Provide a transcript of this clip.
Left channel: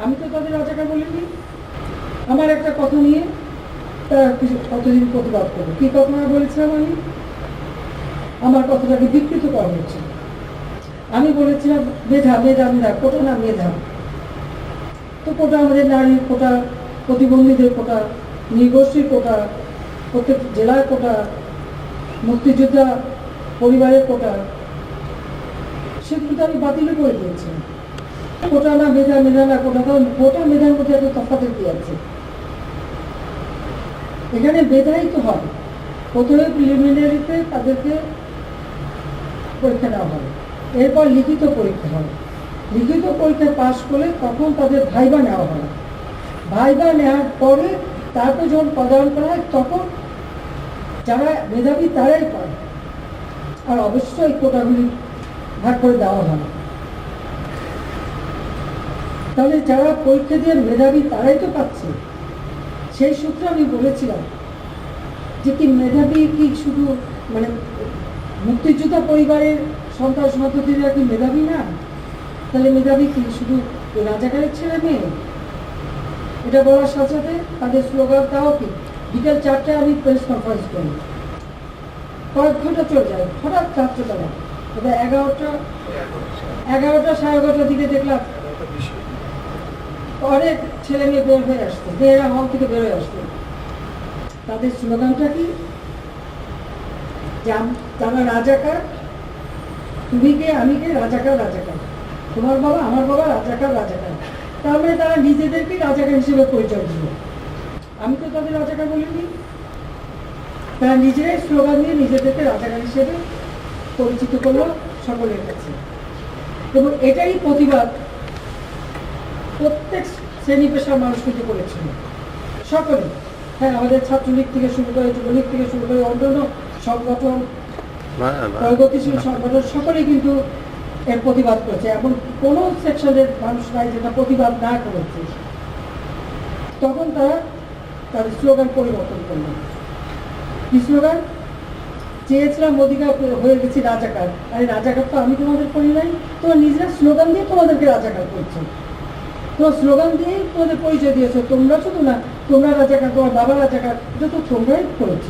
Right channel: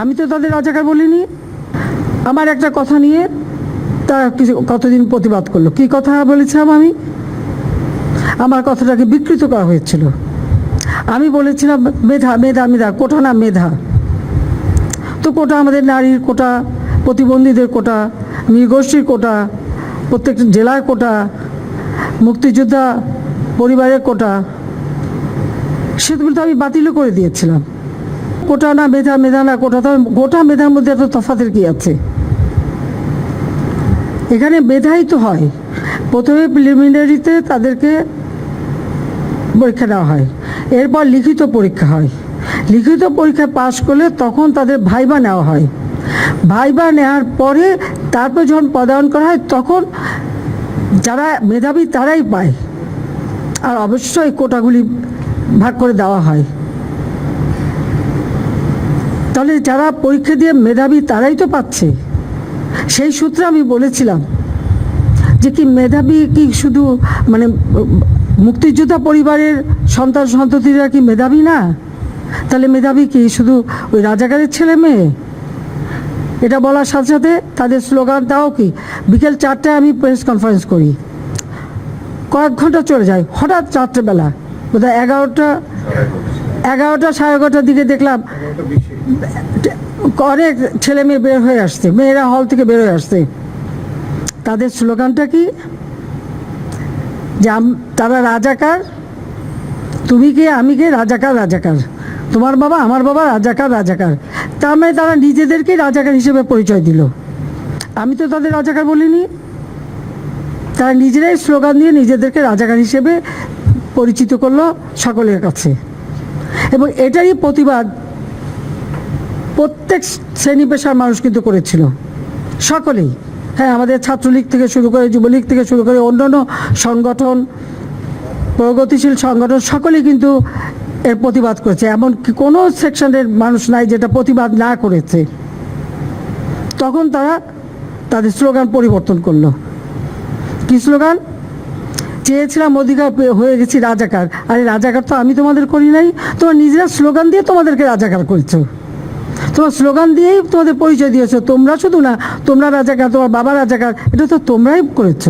আমি তো তাদের রাজাকার বলিনি। আমার একটা কথা নিয়ে তা কিছু কতদিন প্রতিবাদ করল। কি কথা বলেছিলাম আমি? আমার কথাটাকে বিকৃত করা হয়েছিল। আমি বলেছিলাম, মেধা মেধা মেধা, কোটা না মেধা? তো কোটা আমাদের নারীর কোটা, প্রতিবন্ধীদের কোটা নৃগোষ্ঠীর কোটা, প্রত্যেকটা জেলার কোটা, মুক্তিযোদ্ধা পরিবারের কোটা, সেগুলো তো আমি বাতিলও করে দিয়েছিলাম। কোটা না মেধা মেধা না কোটা তো গোটা মেধার মধ্যে এত তফাতের কি আছে? এখানে মেধাই তো হয়। প্রথমে প্রিলিমিনারিতে তাদেরকে পরীক্ষা দেওয়া হয়। এরপর লিখিত পরীক্ষা হয়। লিখিত পরীক্ষা পাশ করলে তখন তাদের ভাইবা নেওয়া হয়। ভাইবা নেওয়ার পরে তারপর যখন পদায়ন করা হয়, তখন যারা মেধাবী তারাই পায়। আর অবশ্যই কোটাগুলি ভাগ করে দেওয়া হয়। তাহলে যারা পরীক্ষা দিয়ে মেধাবী তারাই তো পাচ্ছে। সেই সূত্রে আমি বলেছিলাম যে কি মেধাবী কি শুধু মানে মুক্তিযোদ্ধা পরিবারের সন্তান সন্ততিরা কি মেধাবী না? তাহলে মেধাবী কি শুধু ওই রাজাকারের ছেলে মেয়ে? এটা বলার সাথে সাথে তাদের স্লোগান দাও কি, বিকেল চারটায় আমি প্রেস কনফারেন্স করি। কয়েক ঘণ্টা চলে যায়, হঠাৎ চারটে চারটেবেলা বোধহয় এগারোটা এগারোটা সাড়ে এগারোটার দিকে দেখলাম অনেক ছেলে মেয়ে বের হয়ে আসছে মেয়েরা হল থেকে বের হয়ে আসছে তাদের স্লোগানটা কি? যে তারা রাজাকার, তুমি কে, আমি কে? রাজাকার রাজাকার। তোমার বাবা, আমার বাবা রাজাকার রাজাকার। তার মানে তারা নিজেদেরকে রাজাকার হিসেবে পরিচয় দিল। আমি তো তাদের রাজাকার বলিনি। তারা নিজেরাই স্লোগান দিয়ে নিজেদেরকে রাজাকার হিসেবে পরিচিত করল সকলের কাছে। এবং এটারই প্রতিবাদ প্রত্যেক শ্রেণি পেশার মানুষ কিন্তু করেছিল। সকলেই। হ্যাঁ আমাদের ছাত্রলীগ থেকে শুরু করে, যুবলীগ থেকে শুরু করে, অন্যান্য সংগঠন, প্রগতিশীল সংগঠন, সকলেই কিন্তু এর প্রতিবাদ করেছে। এমন কি কোনো সেকশনের মানুষ নাই যেটা প্রতিবাদ না করেছে। তখন তারা তাদের স্লোগান পরিবর্তন করল। কি স্লোগান? চেয়েছিলাম অধিকার হয়ে গেছি রাজাকার। আরে রাজাকার তো আমি তোমাদের করি নাই, তোমরা নিজেরা স্লোগান দিয়ে তোমাদেরকে রাজাকার করেছ। তোমার স্লোগান দিয়েই তোমাদের পরিচয় দিয়েছ। তোমরা শুধু না, তোমরা রাজাকার, তোমার বাবা রাজাকার, এটা তো তোমরাই করেছ।